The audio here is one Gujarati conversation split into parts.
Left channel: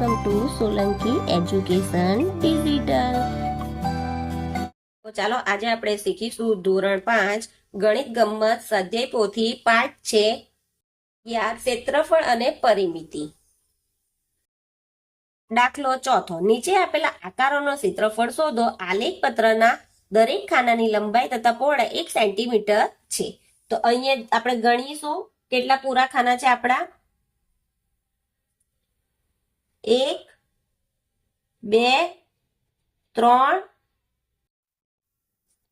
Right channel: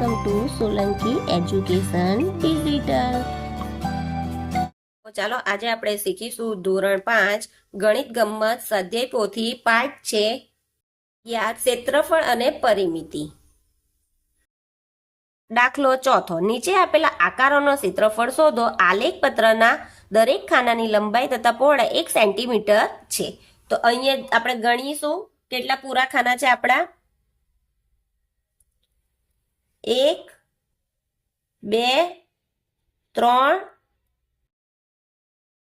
Welcome to Solanki education digital. તો ચાલો આજે આપણે શીખીશું ધોરણ 5 ગણિત ગમ્મત સ્વાધ્યાય પોથી પાઠ છે ક્ષેત્રફળ અને પરિમિતિ. દાખલો ચોથો. નીચે આપેલા આકારોનો ક્ષેત્રફળ શોધો. આલેખ પત્રના દરેક ખાનાની લંબાઈ તથા પહોળાઈ 1 સેન્ટીમીટર છે. તો અહીંયા આપણે ગણીશું કેટલા પૂરા ખાના છે આપણા. 1 2 3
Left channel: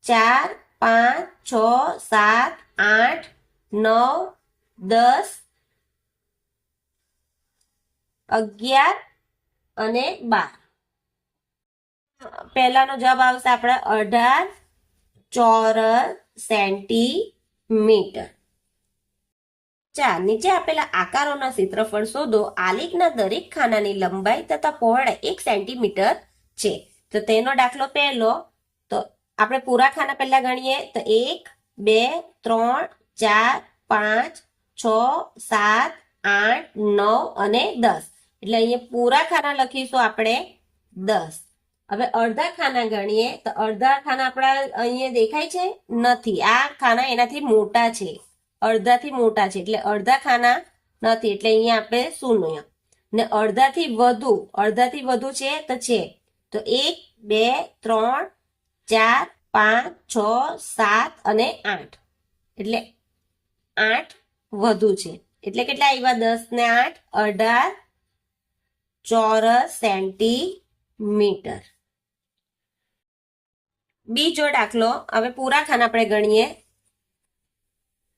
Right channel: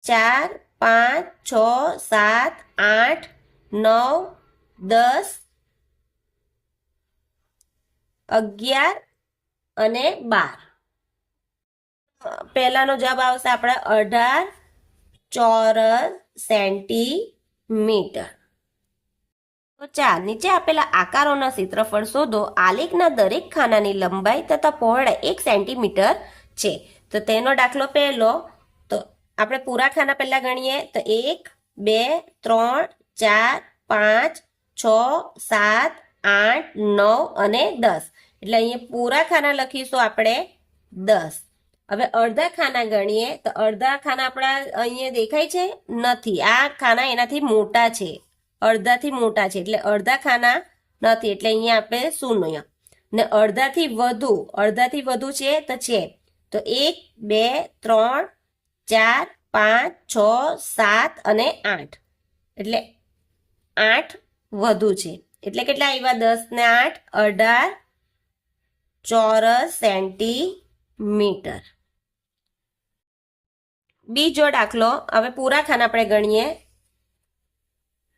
4 5 6 7 8 9 10 11 અને 12. પહેલાનો જવાબ આવશે આપણા 18 ચોરસ સેન્ટીમીટર. તો 4. નીચે આપેલા આકારોના ક્ષેત્રફળ શોધો. આલેખના દરેક ખાનાની લંબાઈ તથા પહોળાઈ 1 સેન્ટીમીટર છે. તો તેનો દાખલો પહેલો. તો આપણે પૂરા ખાના પહેલા ગણીએ તો 1 2 3 4 5 6 7 8 9 અને 10. એટલે અહીંયા પૂરા ખાના લખીશું આપણે 10. હવે અડધા ખાના ગણીએ તો અડધા ખાના આપણા અહીંયા દેખાય છે નથી. આ ખાના એનાથી મોટા છે, અડધાથી મોટા છે એટલે અડધા ખાના નથી એટલે અહીંયા આપણે શૂન્ય. ને અડધાથી વધુ છે તો 1 2 3 4 5 6 7 અને 8 એટલે 8 વધુ છે એટલે કેટલા આવ્યા 10 ને 8 18 ચોરસ સેન્ટીમીટર. બીજો દાખલો. હવે પૂરા ખાના આપણે ગણીએ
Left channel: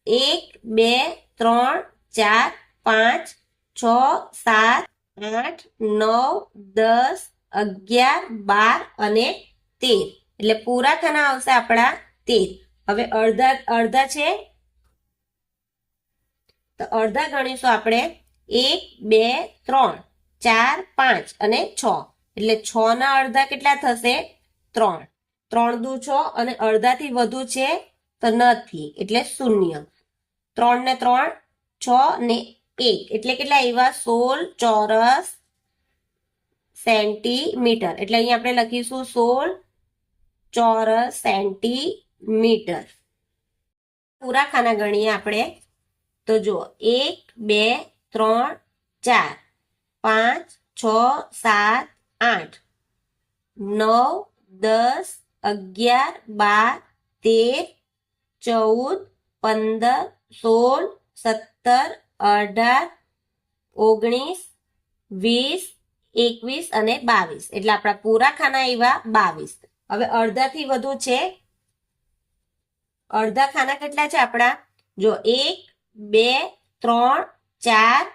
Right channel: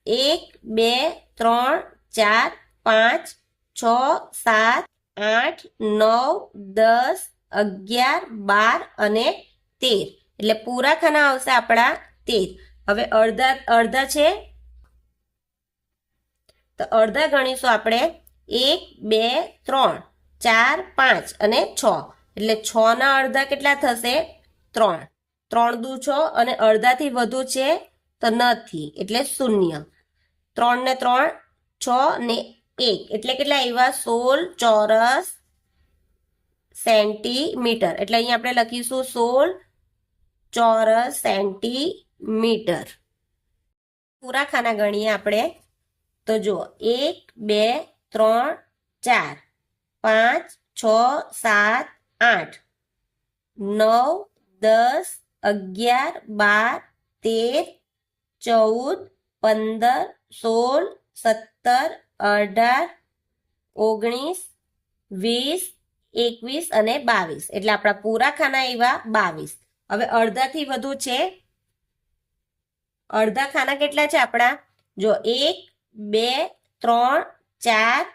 1 2 3 4 5 6 7 8 9 10 11 12 અને 13. એટલે પૂરા ખાના આવશે આપણા 13. હવે અડધા છે તો અડધા ગણીશું આપણે 1 2 3 4 5 અને 6. એટલે 6 ના અડધા કેટલા થશે 3. 3 દુ 6 અને અડધાથી વધુ છે તો નથી એટલે શૂન્ય. 3 ને 3 6 ને 1 એટલે કેટલા આવ્યા 16 ચોરસ સેન્ટીમીટર. એટલે અહીંયા આપણે લખીશું 16 ચોરસ સેન્ટીમીટર. પૂરા ખાના ગણીએ આપણે તો જુઓ 1 2 3 4 5 6 7 8 9 10 11 12 13 14 15 16 17 18 19 20 21 અને 22. એટલે આપણા પૂરા ખાના આવ્યા 22. હવે અડધાથી વધુ છે. અડધા ખાના કેટલા છે આપણા જો 1 2 3 4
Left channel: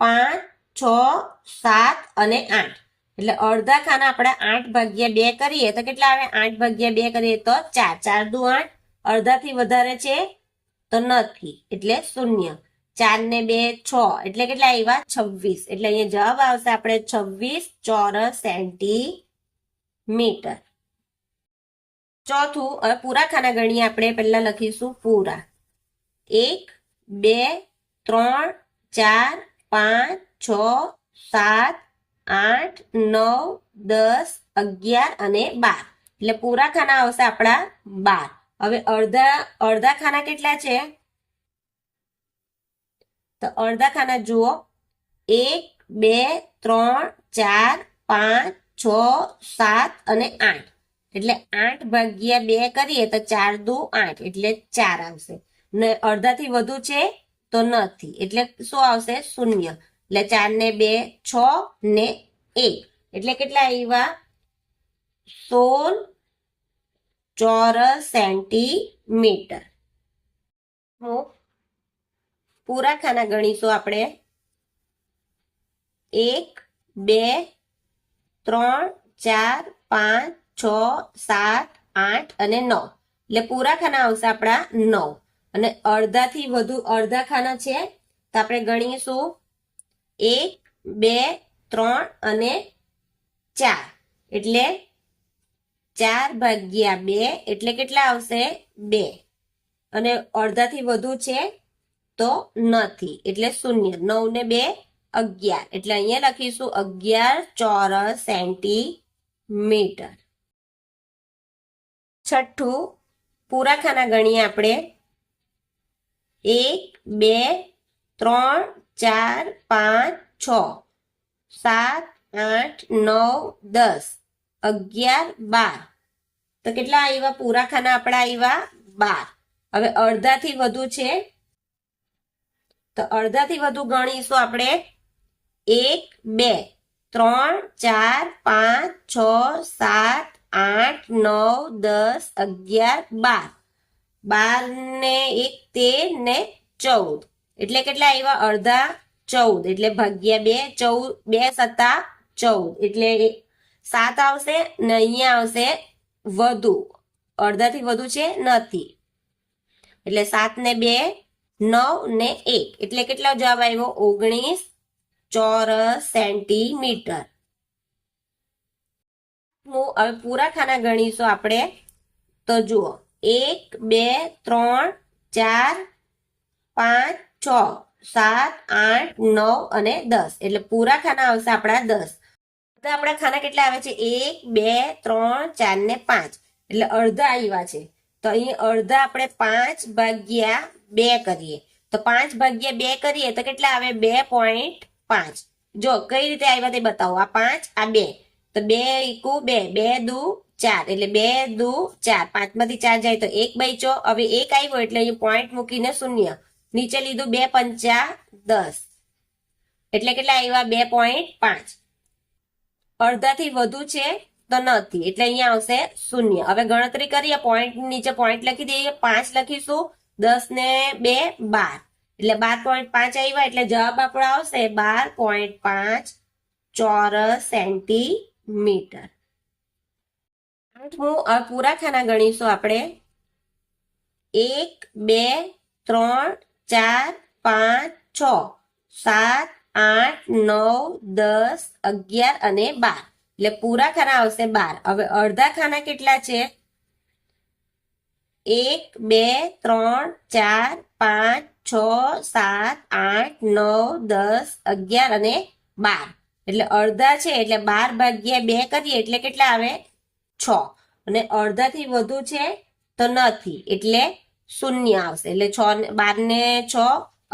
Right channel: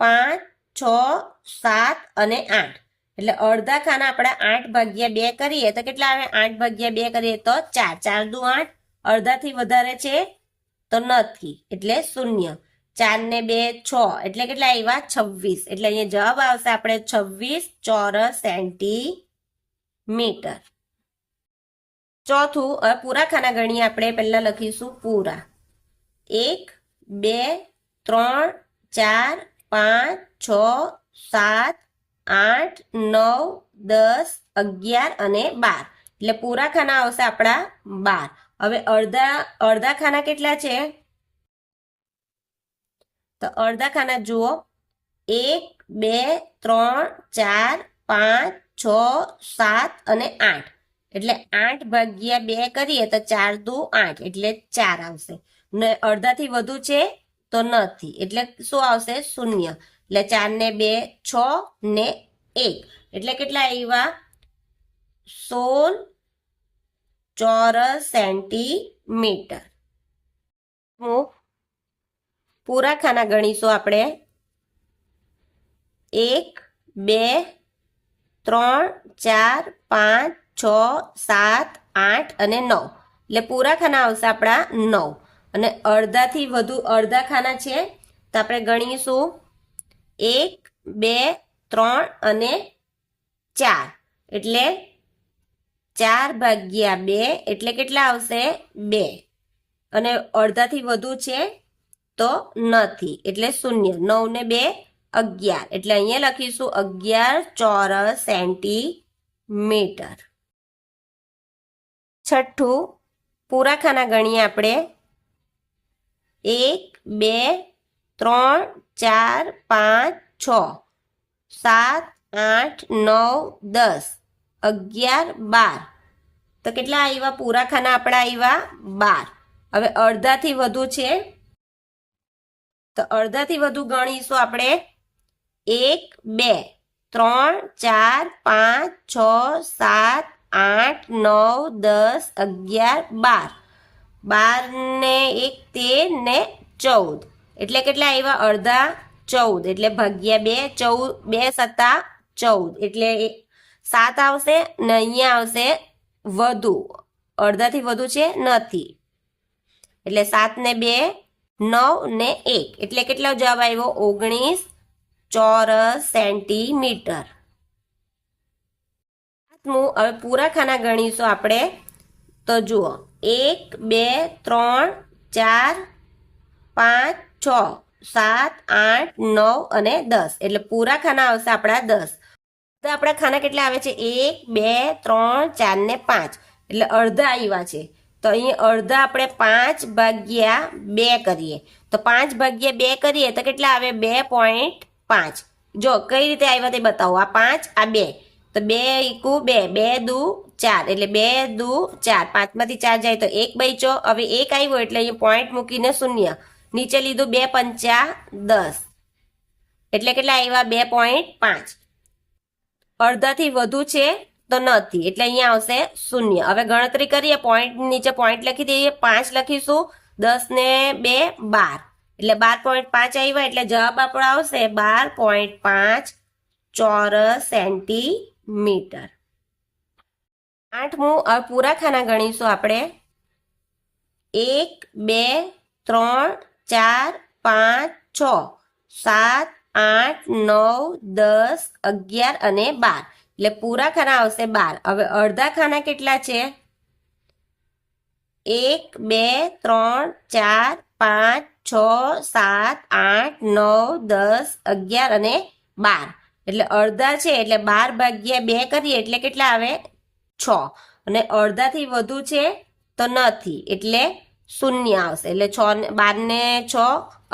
5 6 7 અને 8. એટલે અડધા ખાના આપણે 8 ભાગ્યા 2 કરીએ તો કેટલા આવે 8 ભાગ્યા 2 કરીએ તો 4. 4 દુ 8. અડધાથી વધારે છે તો નથી એટલે શૂન્ય. 4 ને 2 6 એટલે કેટલા આવ્યા 26. એટલે અહીંયા જવાબ આવશે આપણે 26 ચોરસ સેન્ટીમીટર. ચોથું. હવે પૂરા ખાના ગણીએ આપણે પહેલા લખીશું પૂરા 1 2 3 4 5 6 7 8 9 10 11 અને 12. એટલે પૂરા ખાના આવશે આપણા 12. હવે અડધા ખાના કેટલા છે તો અડધા ખાના જુઓ 1 2 3 4 5 6 7 અને 8. એટલે 8 ભાગ્યા 2 કરીએ તો 4 દુ 8 એટલે 4 આવશે. ને અડધાથી વધુ છે તો નથી એટલે શું આવશે શૂન્ય. એટલે 4 ને 2 6 ને 1 એટલે કેટલા આવ્યા 16 ચોરસ સેન્ટીમીટર. પૂરા ખાના ગણીશું આપણે 1 2 3 4 5 6 7 8 અને 9. એટલે પૂરા ખાના આવશે આપણા 9. અને અડધાથી વધુ અડધા ખાના છે તો આપણે ગણીશું 1 2 3 અને 4. એટલે 4 ભાગ્યા 2 એટલે કેટલા આવશે 2. અને અડધાથી વધુ છે તો નથી એટલે શૂન્ય. 9 ને 2 11 એટલે અહીંયા લખીશું 11 ચોરસ સેન્ટીમીટર. છઠ્ઠું પૂરા ખાના ગણીએ આપણે. 1 2 3 4 5 6 7 8 9 10 11 12 તો કેટલા આવ્યા પૂરા ખાના આપણા આવ્યા 12. હવે અડધાથી વધુ છે તો અડધાથી વધુ ગણીશું આપણે. 1 2 3 4 5 6 7 8 9 10 11 12 12 ને 1 13 ને 14 એટલે કેટલા આવ્યા અડધા 14 એટલે ભાગ્યા 2 2 સત્તા 14 એટલે 7 આવશે ને અહીંયા આવશે વધુ અડધાથી વધુ છે નથી એટલે 7 ને 2 9 ને 1 એટલે કેટલો જવાબ આવ્યો 19 ચોરસ સેન્ટીમીટર. હવે પૂરા ખાના ગણીશું આપણે તો જુઓ 1 2 3 4 5 6 7 8 9 અને 10 એટલે પૂરા ખાના આવશે આપણા 10. તો આપણા ખાના કેટલા આવે છે 1 2 3 4 ને 5 એટલે અડધા આવ્યા છે તો અહીં અડધા આપણે 5 ભાગ્યા 2 કરીએ તો 5 ભાગ્યા 2 કરીએ તો કેટલા આવે 2.5. જો કઈ રીતે આવ્યા તે બતાવો. આ 5 આ 2 તો 2 ઈકુ 2 2 દુ 4 એટલે 2 દુ 4 5 માંથી 4 જાય તો 1 બચ્યો. હવે 1 આવ્યો એટલે અહીં પોઈન્ટ મૂકીને શૂન્ય નીચે લીધું 2 પંચા 10 એટલે કેટલા આવ્યા 2.5. અડધાથી વધુ છે તો નથી એટલે અહીંયા આવશે શૂન્ય. હવે ગણતરી કરીએ પોઈન્ટ નીચે પોઈન્ટ લખી દઈએ 5 લખીશું 10 ને 2 12 એટલે 12.5 આવ્યા એટલે જવાબ આપણો આવશે 12.5 ચોરસ સેન્ટીમીટર. 8મું હવે પૂરા ખાના ગણીશું આપણે. 1 2 3 4 5 6 7 8 9 10 11 અને 12 એટલે પૂરા ખાના આવશે 12. હવે અડધા ખાના કેટલા છે 1 2 3 4 5 6 7 8 9 10 11 અને 12 એટલે અડધા છે એટલે 12 ભાગ્યા 2 કરીએ એટલે કેટલા આવે 6 અને અડધાથી વધુ છે તો નથી એટલે શૂન્ય આવશે એટલે 12 ને 6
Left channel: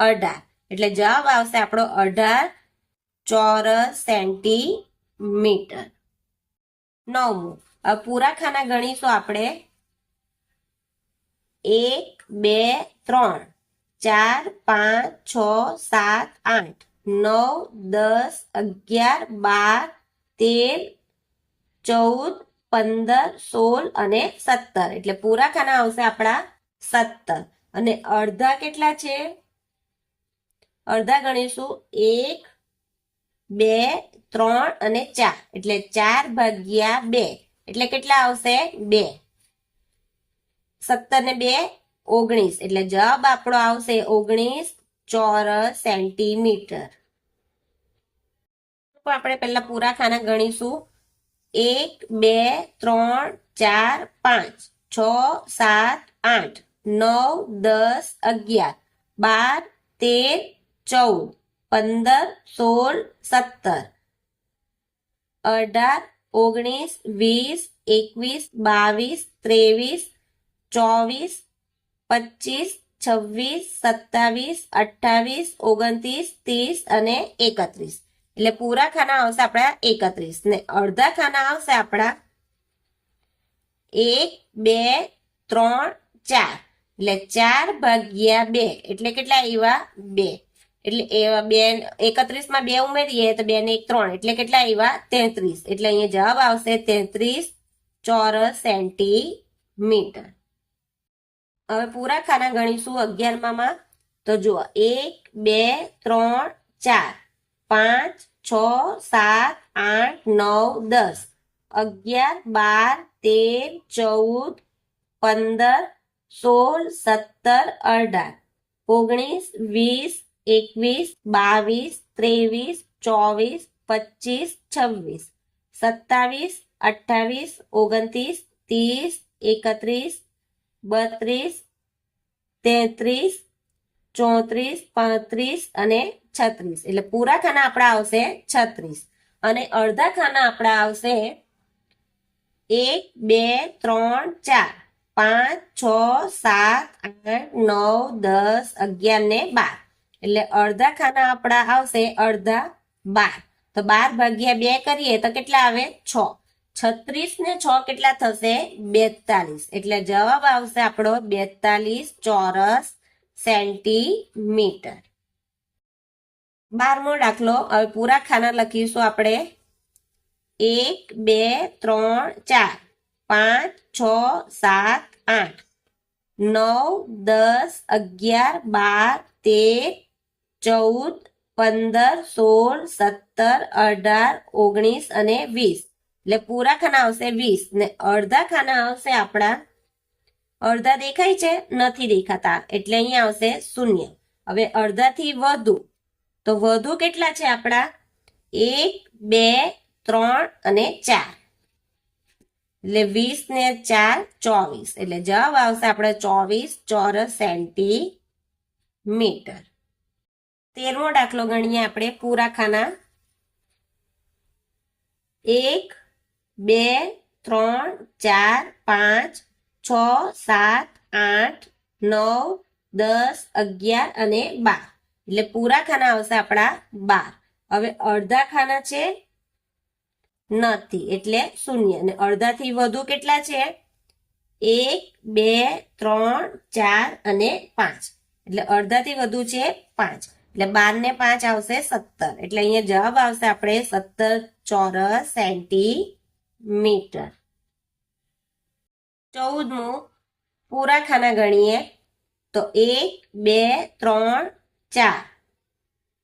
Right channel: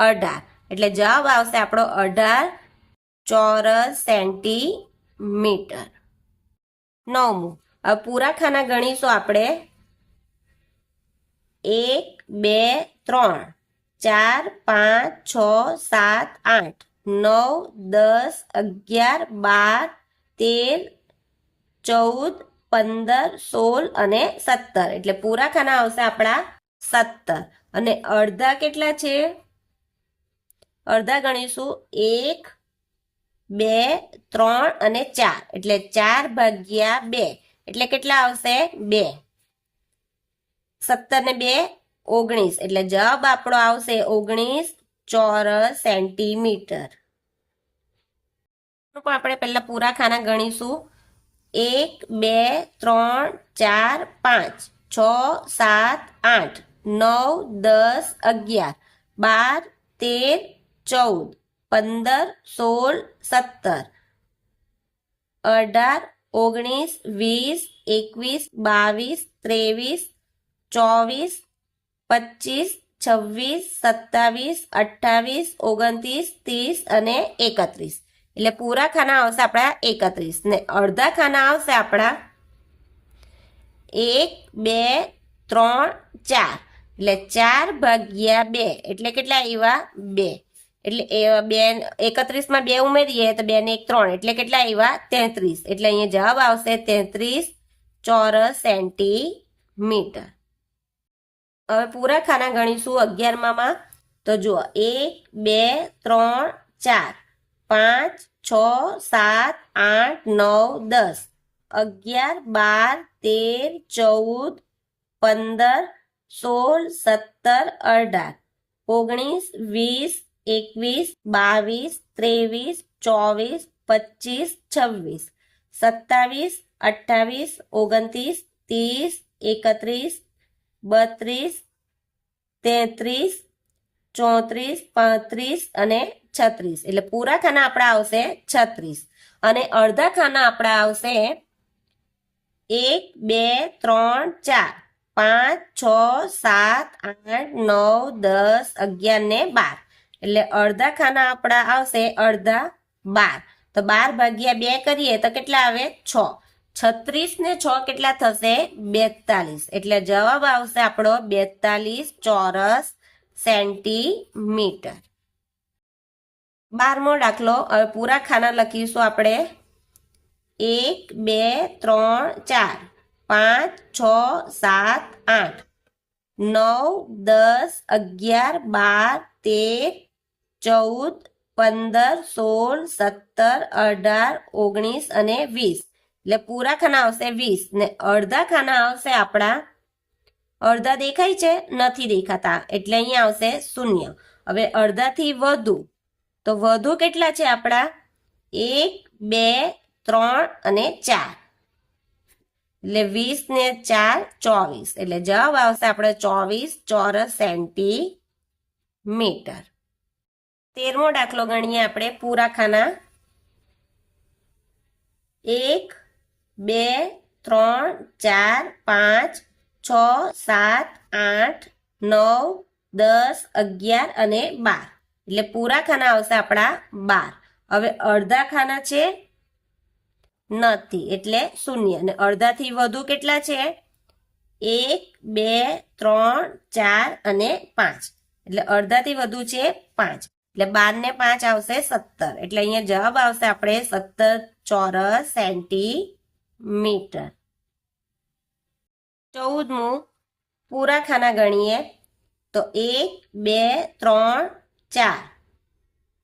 18 એટલે જવાબ આવશે આપણો 18 ચોરસ સેન્ટીમીટર. 9મું હવે પૂરા ખાના ગણીશું આપણે. 1 2 3 4 5 6 7 8 9 10 11 12 13 14 15 16 અને 17 એટલે પૂરા ખાના આવશે આપણા 17. અને અડધા કેટલા છે અડધા ગણીશું 1 2 3 અને 4 એટલે 4 ભાગ્યા 2 એટલે કેટલા આવશે 2 17 ને 2 19 એટલે જવાબ આપણો આવશે 19 ચોરસ સેન્ટીમીટર. આપણે પહેલા પૂરા ખાના ગણીશું 1 2 3 4 5 6 7 8 9 10 11 12 13 14 15 16 17 18 19 20 21 22 23 24 25 27 28 29 30 અને 31 એટલે પૂરા ખાના આવશે આપણા 31 ને અડધા ખાના આવશે આપણા 1 2 3 4 એટલે 4 ભાગ્યા 2 એટલે કેટલા આવ્યા 2 એટલે 31 માં 2 ઉમેરીએ તો 2 ને 1 3 એટલે કેટલા આવ્યા 33 એટલે અહીંયા જવાબ આવશે 33 ચોરસ સેન્ટીમીટર. હવે પૂરા ખાના ગણીશું 11માં તો જુઓ 1 2 3 4 5 6 7 8 9 10 11 12 13 14 15 16 17 18 19 20 21 23 24 25 26 27 28 29 30 31 32 33 34 35 અને 36 એટલે પૂરા ખાના આપણા આવશે 36 અને અડધા ખાના આપણા આવશે 1 2 3 4 5 6 7 8 9 10 11 ને 12 એટલે અડધા ખાના આપણા આવશે અડધા 12 તો 12 ભાગ્યા 2 કરીએ તો કેટલા આવે 6 36 ને 6 કેટલા થશે 42 એટલે જવાબ આવશે આપણો 42 ચોરસ સેન્ટીમીટર 12મો દાખલો હવે પૂરા ખાના લખીશું આપણે 1 2 3 4 5 6 7 8 9 10 11 12 13 14 15 16 17 18 અને 20 એટલે પૂરા ખાના આવશે 20 ને અડધા ખાના આવશે આપણા અડધા દેખાય છે નથી દેખાતા એટલે અહીંયા આવશે 0 હવે અડધાથી વધુ તો વધુ કેટલા છે આપણા 1 2 3 અને 4 એટલે 20 ને 4 24 એટલે જવાબ આવશે આપણે 24 ચોરસ સેન્ટીમીટર 13મો દાખલો ગણીએ આપણે પૂરા ખાના 1 2 3 4 5 6 7 8 9 10 11 અને 12 એટલે પૂરા ખાના આવશે આપણા 12 હવે અડધા ખાના છે નથી એટલે 0 અને અડધાથી વધુ કેટલા છે 1 2 3 4 અને 5 એટલે અડધાથી વધુ છે 5 એટલે 12 ને 5 આવશે 17 એટલે અહીંયા જવાબ આવશે આપણે 17 ચોરસ સેન્ટીમીટર 14મું પૂરા ખાના ગણીએ તો 1 2 3 4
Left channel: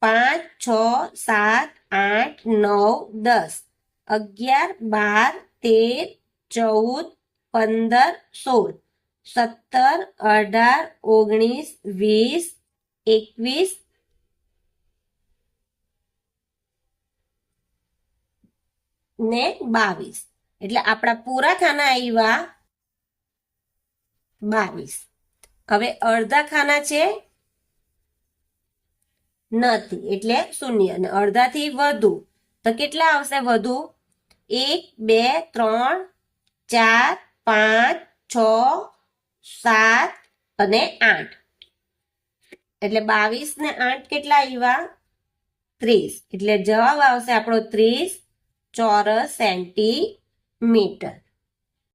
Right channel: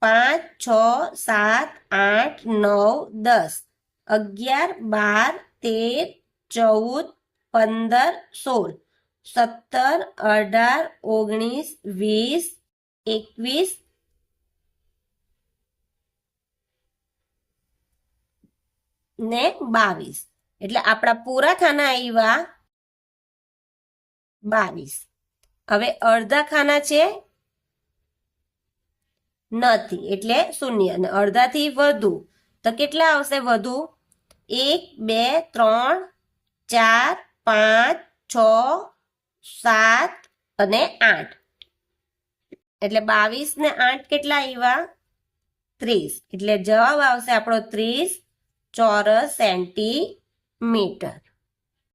5 6 7 8 9 10 11 12 13 14 15 16 17 18 19 20 21 ને 22 એટલે આપણા પૂરા ખાના આવ્યા 22 હવે અડધા ખાના છે નથી એટલે 0 અને અડધાથી વધુ તો કેટલા આવશે વધુ 1 2 3 4 5 6 7 અને 8 એટલે 22 ને 8 કેટલા આવ્યા 30 એટલે જવાબ આવશે આપણો 30 ચોરસ સેન્ટીમીટર